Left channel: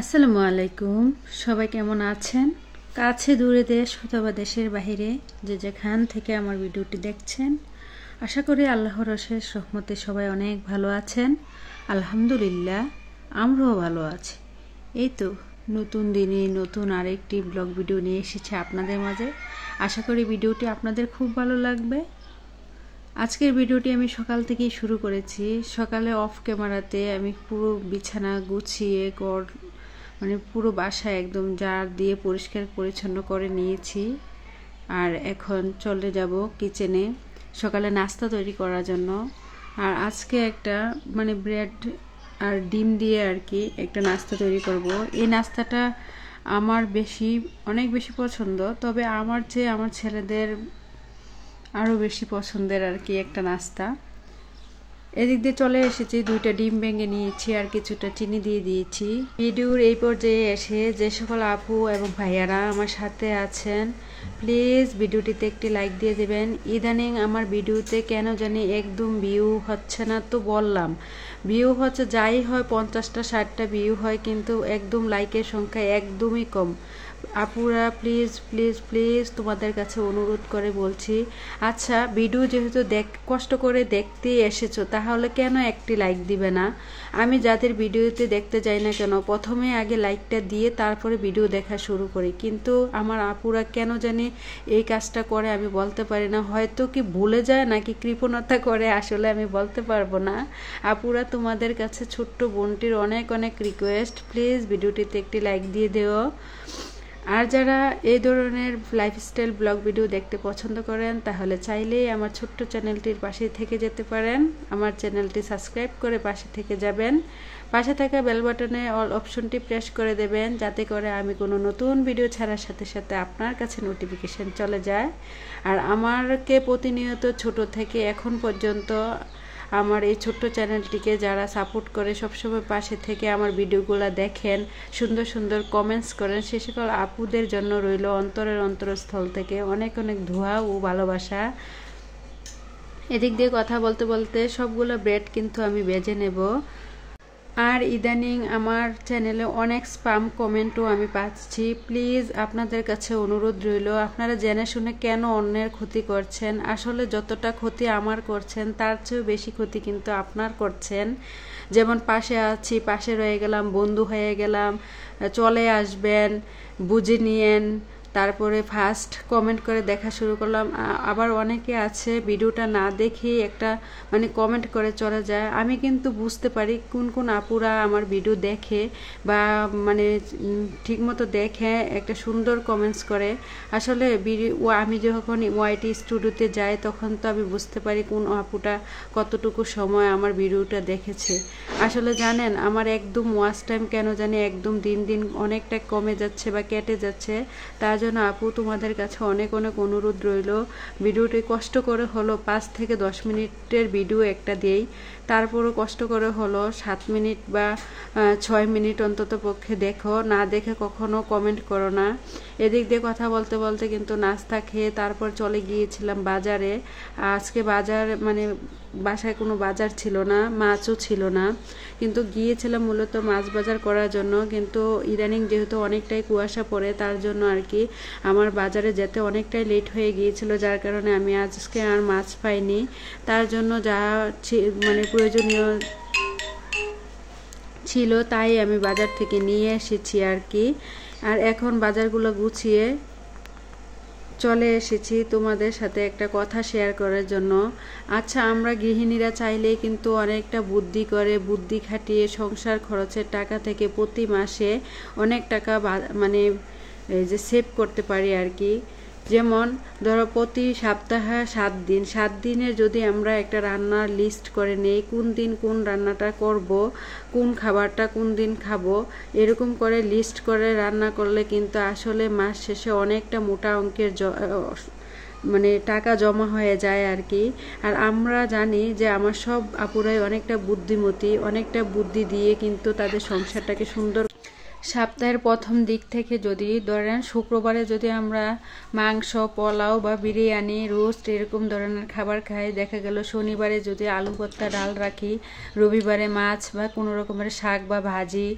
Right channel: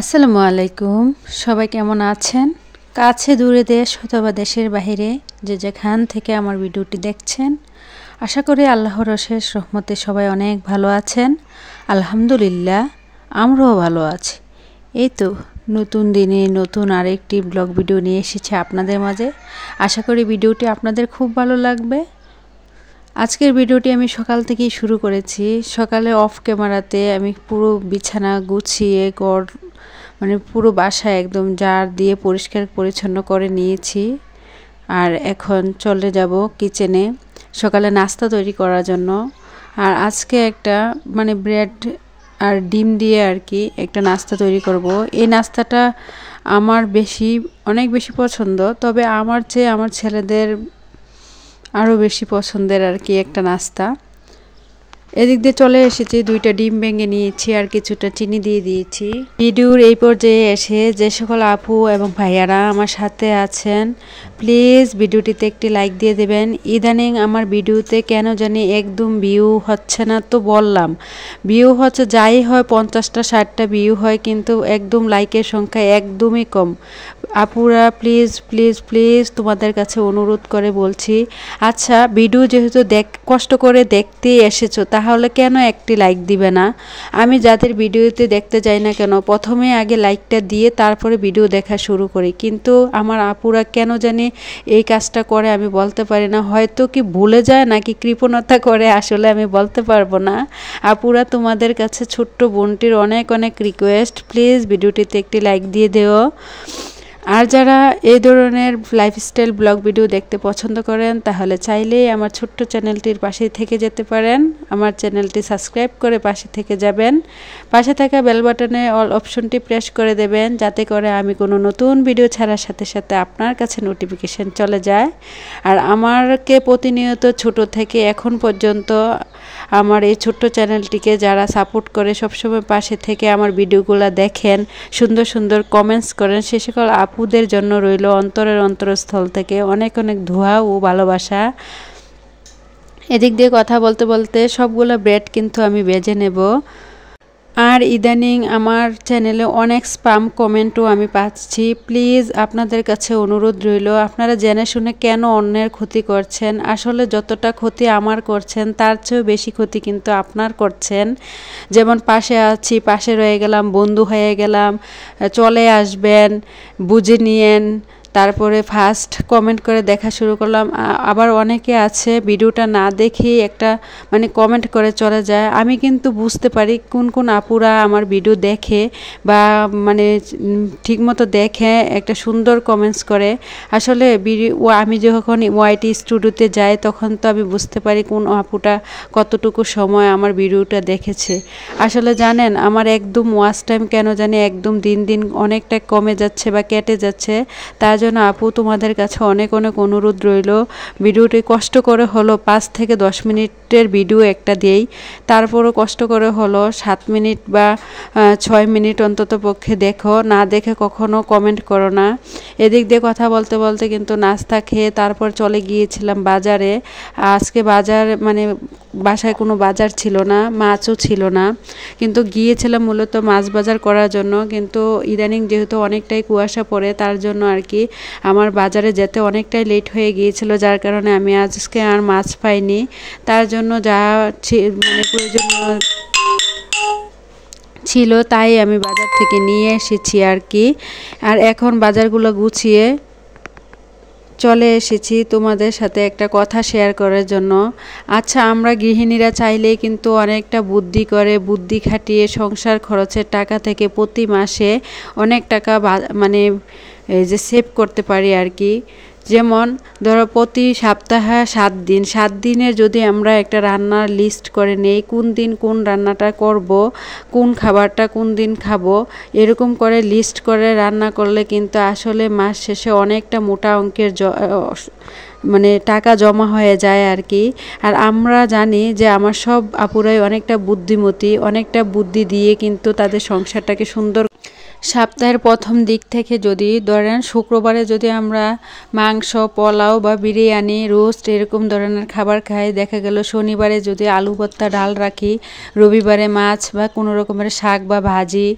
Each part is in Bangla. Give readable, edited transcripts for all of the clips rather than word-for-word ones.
আসসালামু আলাইকুম। সবাই কেমন আছেন? কাছে দূরে দেশ অথবা দেশের বাইরে যে যেখান থেকে আমার ভিডিওটি দেখছেন, আশা করি আল্লাহর অশেষ রহমতে সবাই অনেক ভালো আছেন। আলহামদুলিল্লাহ, আমরাও ভালো আছি। এই তো নতুন দিনে নতুন আরেকটি ব্লগ ভিডিও নিয়ে এসেছি আপনাদের মাঝে। আশা করি ভিডিওটি আপনাদের খুব ভালো লাগবে। আজকের ভিডিওটি আমি সকাল থেকেই শুরু করেছি। সকালে অফ ক্যামেরাতে আমি পুরো বিছানা গুছিয়ে পুরো বাসা একদম ঝাড় দিয়ে পরিষ্কার পরিচ্ছন্ন করে নিয়েছি। আর এখন চলে যাব কিচেনে সকালে নাস্তা তৈরি করার জন্য। আর আজকে একটা ব্রেড আর ডিম দিয়ে আর কি একটা নাস্তা তৈরি করব। এই নাস্তাটা আমার অনেক বেশি পছন্দ, তবে আমার চেয়ে আমার ছেলেদের আরও বেশি পছন্দের আর কি একটা নাস্তা। এদিক দিয়ে চলে এসেছি, 2টা ডিম ভেঙে নিয়েছি আর কিছুটা চিনি দিয়ে দিয়েছি। ভিডিওর এই পর্যায়ে এসে যে সকল আপু এবং ভাইয়ারা আমার সাথে আছেন, প্লিজ ভিডিওটিতে একটি লাইক দিয়ে দেবেন। ইদানিং আমার ভিডিওতে কেন জানি একদম ভিউ হচ্ছে না, তো বললাম ভিউ হচ্ছে যাই হয় 50টা 60টা ভিউ হয়, কিন্তু একদম লাইকের সংখ্যা একদমই কম। আপুরা প্লিজ প্লিজ প্লিজ তোমাদের কাছে অনুরোধ করে বলছি, আচ্ছা ভিডিও যেহেতু কষ্ট করে দেখতে এসেছো, তাহলে কেন একটি লাইক দিবে না? আমি যাদের ভিডিওতে দেখতে যাই না কেন, প্রথমে আগে লাইকটা দিয়ে তারপরে ভিডিও দেখা শুরু করি, কিন্তু আমার আপুরা কেন জানি এই কাজটা করে আমি বলতে পারি না। হয়তো কি ভুলে যায় নাকি কৃপণতা করে, আসলে আমি বলতে পারবো না। আপুরা তোমাদের কাছে ছোট্ট বোনটির অনেক অনেক রিকোয়েস্ট, প্লিজ ভিডিওটিতে একটি লাইক দিয়ে দিও। আর যারা এই ধরনের লাইফস্টাইল ব্লগ ভিডিও দেখতে পছন্দ করেন, তাহলে চাইলেই আমার ছোট্ট চ্যানেলটির পাশে থেকে যেতে পারেন। আমার চ্যানেলটি সাবস্ক্রাইব করে পাশে থেকে যাবেন। পাশে থাকা বেল বাটনে অল অপশনটি প্রেস করে দেবেন, যাতে করে আমি কোনো নতুন ভিডিও ছাড়ার সাথে সাথে আপনার কাছে নোটিফিকেশন চলে যায়। আর আমাকে প্রতিনিয়ত ছোট থেকে এখন পর্যন্ত আমার এই ছোট্ট চ্যানেলটিকে যারা সাপোর্ট করে, সবসময় পাশে থেকে আমার ভিডিওগুলো দেখেন, সুন্দর সুন্দর কমেন্টস করেন, সে সকল আপুদের জন্য রইল অন্তরের অন্তরস্থল থেকে অনেক অনেক ধোয়া ও ভালোবাসা। এদিক দিয়ে কথা বলতে বলতে সবগুলো ব্রেড কিন্তু আমি ভেজে নেব। আর ইদানিং আমার চ্যানেলে অনেক স্প্যাম কমেন্টও আমি পাচ্ছি। প্লিজ আপনাদের কাছে অনুরোধ রইল, আপনারা জেনে শুনে কেন অন্যের ক্ষতি করছেন? আসলে যতটা ক্ষতি আমার করছেন, তার চেয়েও বেশি ক্ষতি কিন্তু আপনার করছেন। যেমন পাশে আছি, পাশে রয়ে গেলাম, বন্ধু হয়ে গেলাম, চলে আসবেন, বুঝে নিয়েন, তারপরে ফার্স্ট কমেন্ট করে দেখা শুরু করলাম। আবার অনেকে আছে ভিডিওটা না দেখেই একটা কমেন্ট করে চলে যায়। আমি কিন্তু বুঝতে পারি কোন কোন আপুরা আমার ভিডিও দেখে বা ঠিকমতো দেখে একটা সুন্দর কমেন্টস করে। আসলে আমি যখন ওয়াইটি স্টুডিওতে যাই, তখন তো আমি বুঝতে পারি কোন আপুটা কতটুকু সময় আমার ভিডিওটা দেখেছে। আসলে জানেন, আমার একদম ওয়াচ টাইম কেন জানি একদম দিন দিন অনেকটা কমে যাচ্ছে বা কেটে যাচ্ছে। তার জন্য আপু তোমাদের কাছে অনেক অনেক অনুরোধ রইল, ভিডিওটি কষ্ট করে হলো 5 থেকে 10 মিনিটের ভিডিও একটা দিই, তারপরও কষ্ট করে হলো 7 মিনিট বা 6 মিনিট অন্তত পক্ষে দেখো, না দেখে কখনো কমেন্ট করো না। এদিক দিয়ে কথা বলতে বলতে কিন্তু নাস্তা খেয়ে তারপর চলে গিয়েছিলাম বাজারে। আজকে বাসায় কোনো বাজার ছিল না, মাছও ছিল না, কিন্তু গিয়েছিলাম মূলত মাছ বাজার করার জন্য। কিন্তু ইদানিং যেহেতু অনেকটাই কুয়াশা পড়ে, তার জন্য আর কি আমার বাজারে যেতে অনেকটাই লেট হয়ে গিয়েছিল, যার কারণে আমি আজকে আর মাছ পাইনি। তার জন্য যা প্রয়োজনীয় ছিল তাই আমি বাজার থেকে নিয়ে এসেছি আর কি। আর এখন বাজারগুলো গুছিয়ে চলে এসেছি তোমাদের সাথে একটা কথা শেয়ার করার জন্য। আচ্ছা, আমরা গৃহিণীরা চাইলেই কিন্তু অনেকটা বুদ্ধি খাটিয়ে সংসার খরচের টাকা থেকে প্রতি মাসে অনেক টাকা সেভ করতে পারি আর কি। যেমন ধরো প্রতি সপ্তাহে 7 দিনের যদি আমরা একটা রান্নার লিস্ট করে নেই, কোন দিন কোন রান্নাটা করব, কোন খাবারটা কোন দিন খাবো, এরকম করে লিস্ট করে রান্না করলে কিন্তু আসলে মাস শেষে অনেকটা মোটা অঙ্কের টাকা জমা হয়ে যায় আর কি। আর আমরা জানি যে আমার সব আপুরাই অনেকটা বুদ্ধিমতী, অনেকটা বুদ্ধি দিয়ে কিন্তু তাদের সংসারটাকে সুন্দর সপ্তাহের প্রথম দিক থেকে যদি ধরেন শুক্রবারে যদি আমরা মাংস, পোলাও বা বিরিয়ানি, রোস্ট এরকম ধরনের খাবার খাই, দেখা গেল শনিবারে যদি আলু ভর্তা, ডাল রাখি, রবিবারে মাছ বা কোনো রকমের শাক বা ভাজি,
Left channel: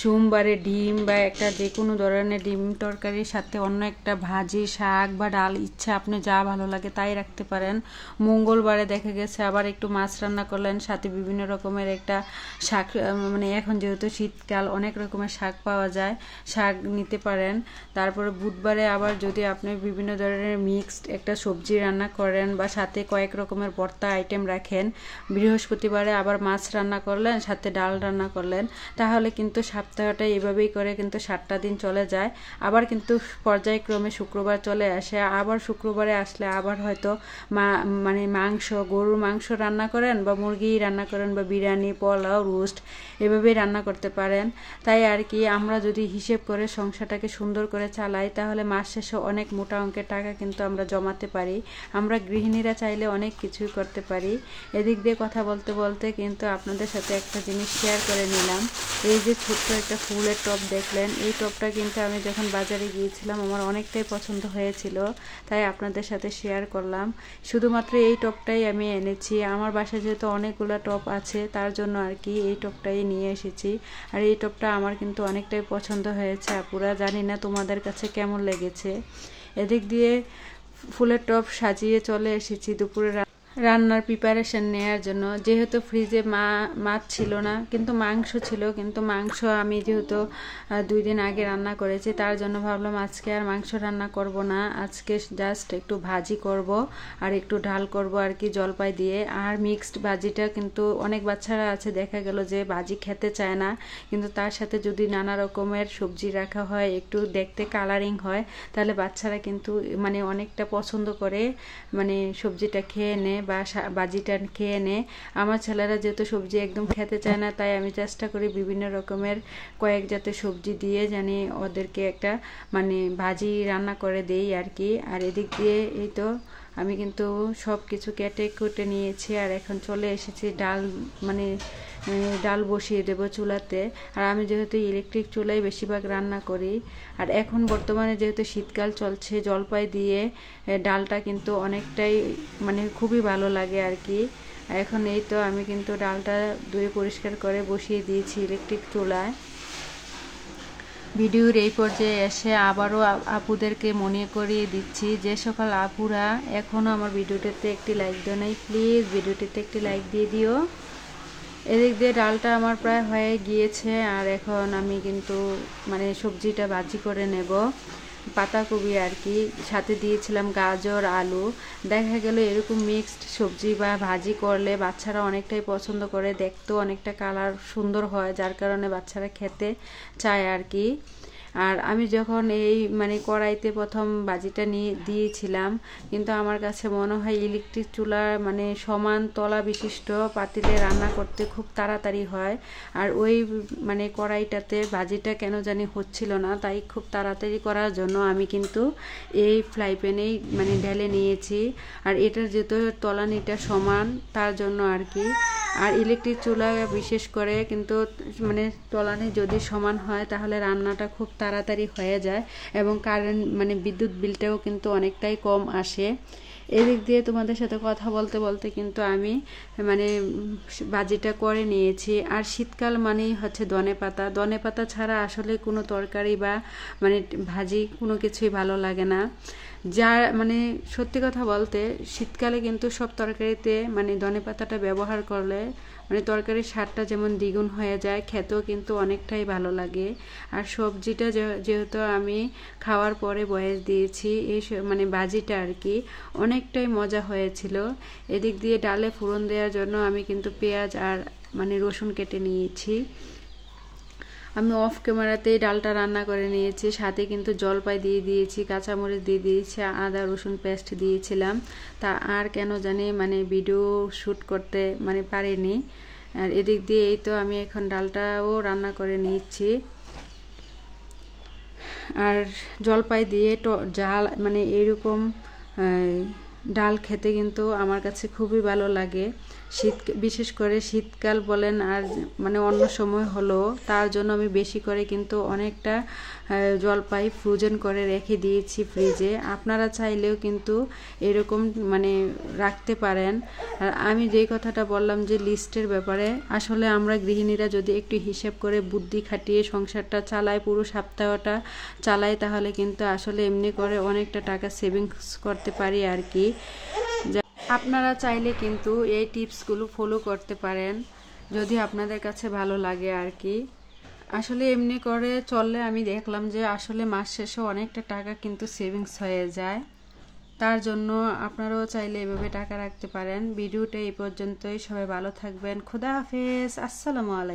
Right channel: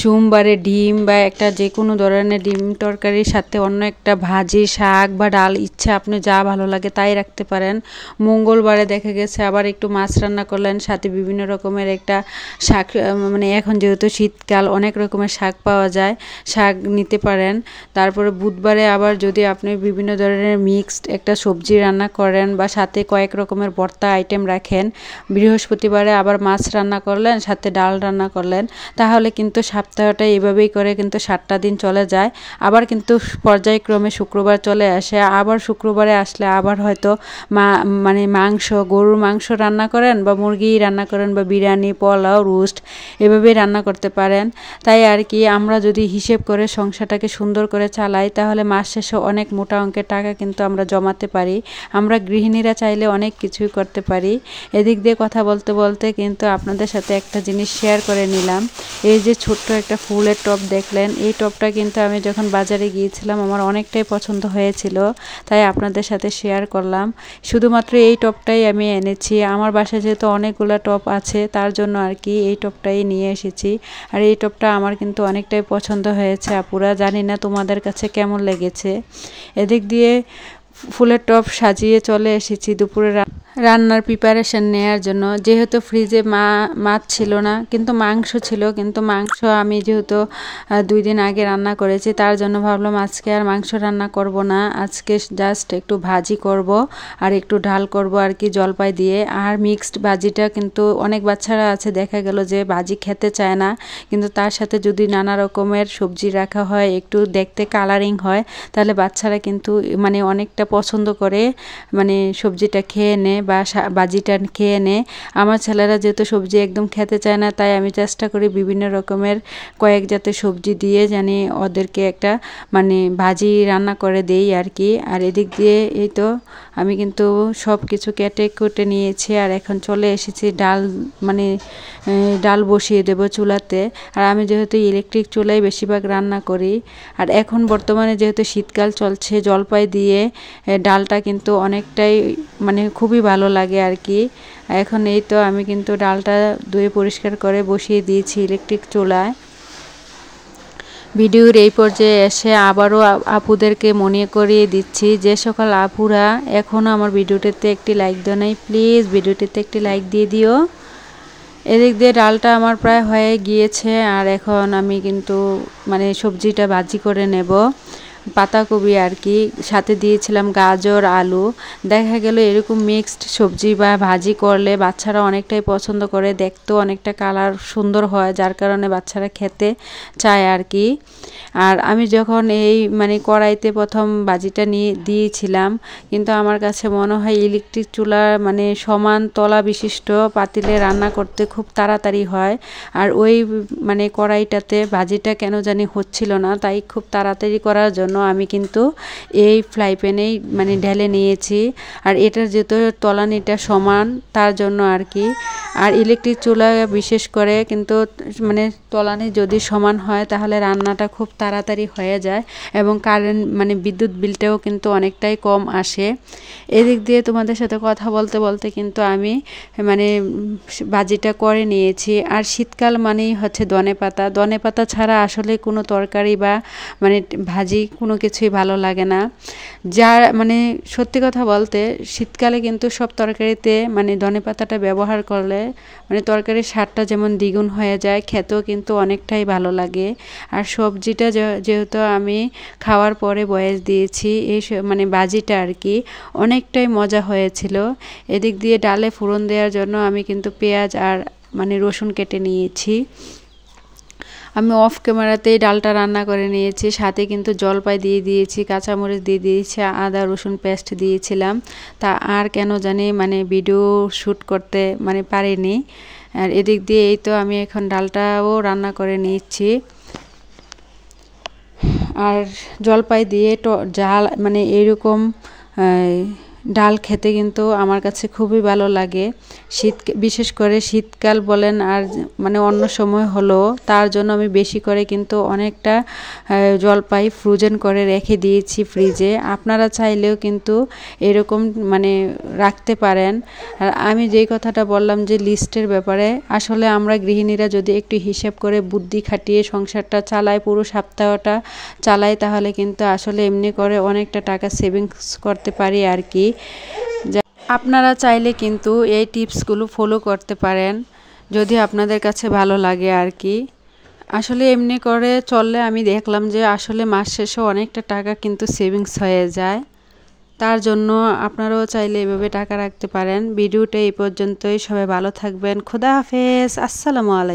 সোমবারে ডিম বা একটা যে কোনো ধরনের ডিম তরকারির সাথে অন্য একটা ভাজি, শাক বা ডাল, ইচ্ছা আপনি যা ভালো লাগে তাই রাখতে পারেন। মঙ্গলবারে দেখা গেছে আবার একটু মাছ রান্না করলেন, সাথে বিভিন্ন রকমের একটা শাক, মানে এখন যেহেতু শীতকাল অনেক রকমের শাক পাওয়া যায়, শাক নিতে পারেন। তারপরে বুধবারে আবার যদি আপনি বিভিন্ন ধরনের মিক্সড একটা সবজি রান্না করেন বা সাথে কয়েক রকমের ভর্তা আইটেম রাখেন, বৃহস্পতিবারে আবার মাছ রান্না করলেন, সাথে ডাল রান্না করলেন, তাহলে কিন্তু সপ্তাহটা এভাবেই করে কিন্তু 7টা দিন চলে যায়। আবার কিন্তু পর্যায়ক্রমে শুক্রবার চলে আসে, আবার শুক্রবারে আসলে আবার হয়তো মানে মাংস, গরুর মাংস রান্না করেন বা মুরগি রান্না করেন বা বিরিয়ানি, পোলাও, রোস্ট এভাবেই রান্না করতে পারেন। তাই আর কি আমরা যদি হিসেব করে সংসারটাকে সুন্দর করে চালাই, তাহলে মাস শেষে অনেক মোটা অঙ্কের টাকা কিন্তু আমরা জমাতে পারি। আমরা গৃহিণীরা চাইলে অনেক কিছুই করতে পারি। এদিক দিয়ে কথা বলতে বলতে কিন্তু আপনাদের সাথে একটা জিনিস শেয়ার করে নিলাম। এই যে ছোট্ট একটা ফুলের টব দেখলেন, এই টবটা কিন্তু আমি যখন বাজারে গিয়েছিলাম আমার অনেকটাই পছন্দ হয়েছিল, তাই আপনাদের সাথে শেয়ার করলাম। শুধুমাত্র এই টবটাই আমি এনেছি, আমার বাসায় যেহেতু অনেকগুলো টব আছে তার জন্য আর কি এই টবটাই নিয়ে এসেছি। আর এই টবটা আমার কিন্তু অনেকটাই পছন্দ হয়েছে আপুরা, জানি না তোমাদের কাছে কেমন লেগেছে। এদিক দিয়ে ফুলের টব সাজিয়ে চলে এসেছি দুপুরে রান্নার প্রিপারেশন নেওয়ার জন্য। যেহেতু ফ্রিজে মাছ ছিল না, কিন্তু মাংস ছিল, কিন্তু মাংস আমি যেহেতু 2 দিন আগে রান্না করেছি, তার জন্য ভাবলাম আজকে আর মাংস রান্না করব না, আজকে জাস্ট একটু ভাজি করব আর একটু ডাল করব আর কি জলপাই দিয়ে। আর মিক্সড ভাজিটা কিন্তু অনেক বাচ্চারা আছে দেখা গেল যে ভাজি খেতে চায় না, কিন্তু তার সাথে যদি নানা রকমের সবজি রাখা হয়, একটু দেখতে কালারিং হয়, তাহলে বাচ্চারা কিন্তু মানে অনেকটা পছন্দ করে, মানে সবজিটা খেয়ে নেয় বা ভাজিটা খেয়ে নেয়। আমার ছেলেরা যেহেতু সবজি একদম খেতে চায় না, তাই আমি চেষ্টা করি বিভিন্ন রকমের কয়েক জাতের সবজি দিয়ে জানি ওদেরকে একটা মানে ভাজি রান্না করে দেই আর কি। আর এদিক দিয়ে এই তো আমি কিন্তু সব কিছু কেটে কুটে নিয়েছি, আর এখন চলে এসেছি ডাল, মানে ডাল বসিয়ে দেব চুলাতে। আর আমি যেহেতু ইলেকট্রিক চুলায় বেশিরভাগ রান্না করি, আর এখন বর্তমানে যেহেতু শীতকাল চলছে, জলপাই দিয়ে ডালটা কিন্তু অনেকটাই মানে খুবই ভালো লাগে আর কি। এখন এই তো আমি কিন্তু ডালটা ধুয়ে পরিষ্কার করে বসিয়ে দিয়েছি ইলেকট্রিক চুলায়। ভিডিওর এই পর্যায়ে এসে আবারও আপুদেরকে মনে করিয়ে দিচ্ছি, যে সকল আপুরা এখনও আমার ভিডিওটিতে একটি লাইক দেয় নাই, প্লিজ ভিডিওটিতে একটি লাইক দিয়ে দিও। এদিক দিয়ে ডালটা আমার প্রায় হয়ে গিয়েছে, আর এখন আমি কিন্তু মানে সবজিটা ভাজি করে নেব, পাতাকপি আর কি, সাথে দিয়েছিলাম গাজর, আলু। দেখা গেল এরকম মিক্সড সবজি বা ভাজি করলে বাচ্চারা অনেকটাই পছন্দ করে, দেখতেও অনেকটা কালার সুন্দর হয়, যার কারণে বাচ্চারা খেতে চায় আর কি। আর আমি যখন এই মানে কড়াইতে প্রথম ভাজিটা নিয়ে দিয়েছিলাম, কিন্তু আমার কাছে মনে হয় ইলেকট্রিক চুলার মানে সমান তলা বিশিষ্ট পাতিলে রান্না করতে খুব তাড়াতাড়ি হয়, আর ওই মানে কড়াইটাতে ভাজিটা কেন জানি হচ্ছিল না, তাই খুব তাড়াতাড়ি করার জন্য আমি কিন্তু এই ফ্রাই প্যানেই মানে ঢেলে নিয়েছি। আর এটার যেহেতু তলানিটা সমান তার জন্য আর কি। আর ইলেকট্রিক চুলা বিশেষ করে কিন্তু মানে তলানি যদি সমান হয় তাহলে রান্নাটা খুব তাড়াতাড়ি হয়ে যায়, এবং কারেন্ট মানে বিদ্যুৎ বিলটাও কিন্তু অনেকটাই কম আসে। এদিক দিয়ে তোমাদের সাথে কথা বলতে বলতে কিন্তু আমি মানে ভাজিটা করে নিয়েছি। আর শীতকাল মানেই হচ্ছে ধনেপাতা ছাড়া আসলে কোনো তরকারি বা মানে ভাজি কোনো কিছুই ভালো লাগে না। যার মানে সত্যি কথা বলতে শীতকালে কিন্তু সব তরকারিতে মানে ধনেপাতাটা ব্যবহার করলে মানে তরকারির স্বাদটা যেমন দ্বিগুণ হয়ে যায়, খেতেও কিন্তু অনেকটাই ভালো লাগে। আর সবজিটা যেহেতু আমি খাওয়ার পরে বয়েস দিয়েছি, এই মানে ভাজিটা আর কি অনেকটাই মজা হয়েছিল। এদিক দিয়ে ডালে ফোড়ন দেওয়ার জন্য আমি কিন্তু পেঁয়াজ আর মানে রসুন কেটে নিয়েছি। আমি অফ ক্যামেরাতেই ডালটা রান্না করে নিয়েছি, সাথে কিন্তু জলপাই দিয়ে দিয়েছি, কাঁচামরিচ দিয়ে দিয়েছি, আদা রসুন পেস্ট দিয়েছিলাম। তা আর কেন জানি মানে ভিডিও শ্যুট করতে মানে পারিনি। আর এদিক দিয়ে এই তো আমি এখন ডালটাও রান্না করে নিচ্ছি। আর জলপাই দিয়ে ডাল মানে এরকম ডাল খেতে কিন্তু আমার কাছে খুবই ভালো লাগে। বিশেষ করে শীতকাল বলেন আর মানে অন্য সময় হলো, তার জন্য আমি বেশি করে কিন্তু অনেকটা জলপাই ফ্রোজেন করে রেখে দিয়েছি ফ্রিজে। আপনারা চাইলেও কিন্তু এরকম মানে রাখতে পারেন। আর আমি যেই কথাটা বললাম যে লিস্টের ব্যাপারে, আসলে আমরা গৃহিণীরা যদি একটু হিসাব করে বুদ্ধি খাটিয়ে সংসারটা চালাই, পুরো সপ্তাহটা চালাই, তাহলে কিন্তু আসলে এমনি করে অনেকটা টাকা সেভিংস করতে পারি আর কি। আপনারা চাইলে কিন্তু এই টিপসগুলো ফলো করতে পারেন যদি আপনাদের কাছে ভালো লাগে আর কি। আসলে এমনি করে চললে আমি দেখলাম যে আসলে মাস শেষে অনেকটা টাকা কিন্তু সেভিংস হয়ে যায়। তার জন্য আপনারাও চাইলে এভাবে টাকা রাখতে পারেন। ভিডিওটা এই পর্যন্তই, সবাই ভালো থাকবেন। খোদা হাফেজ, আসসালামু আলাইকুম।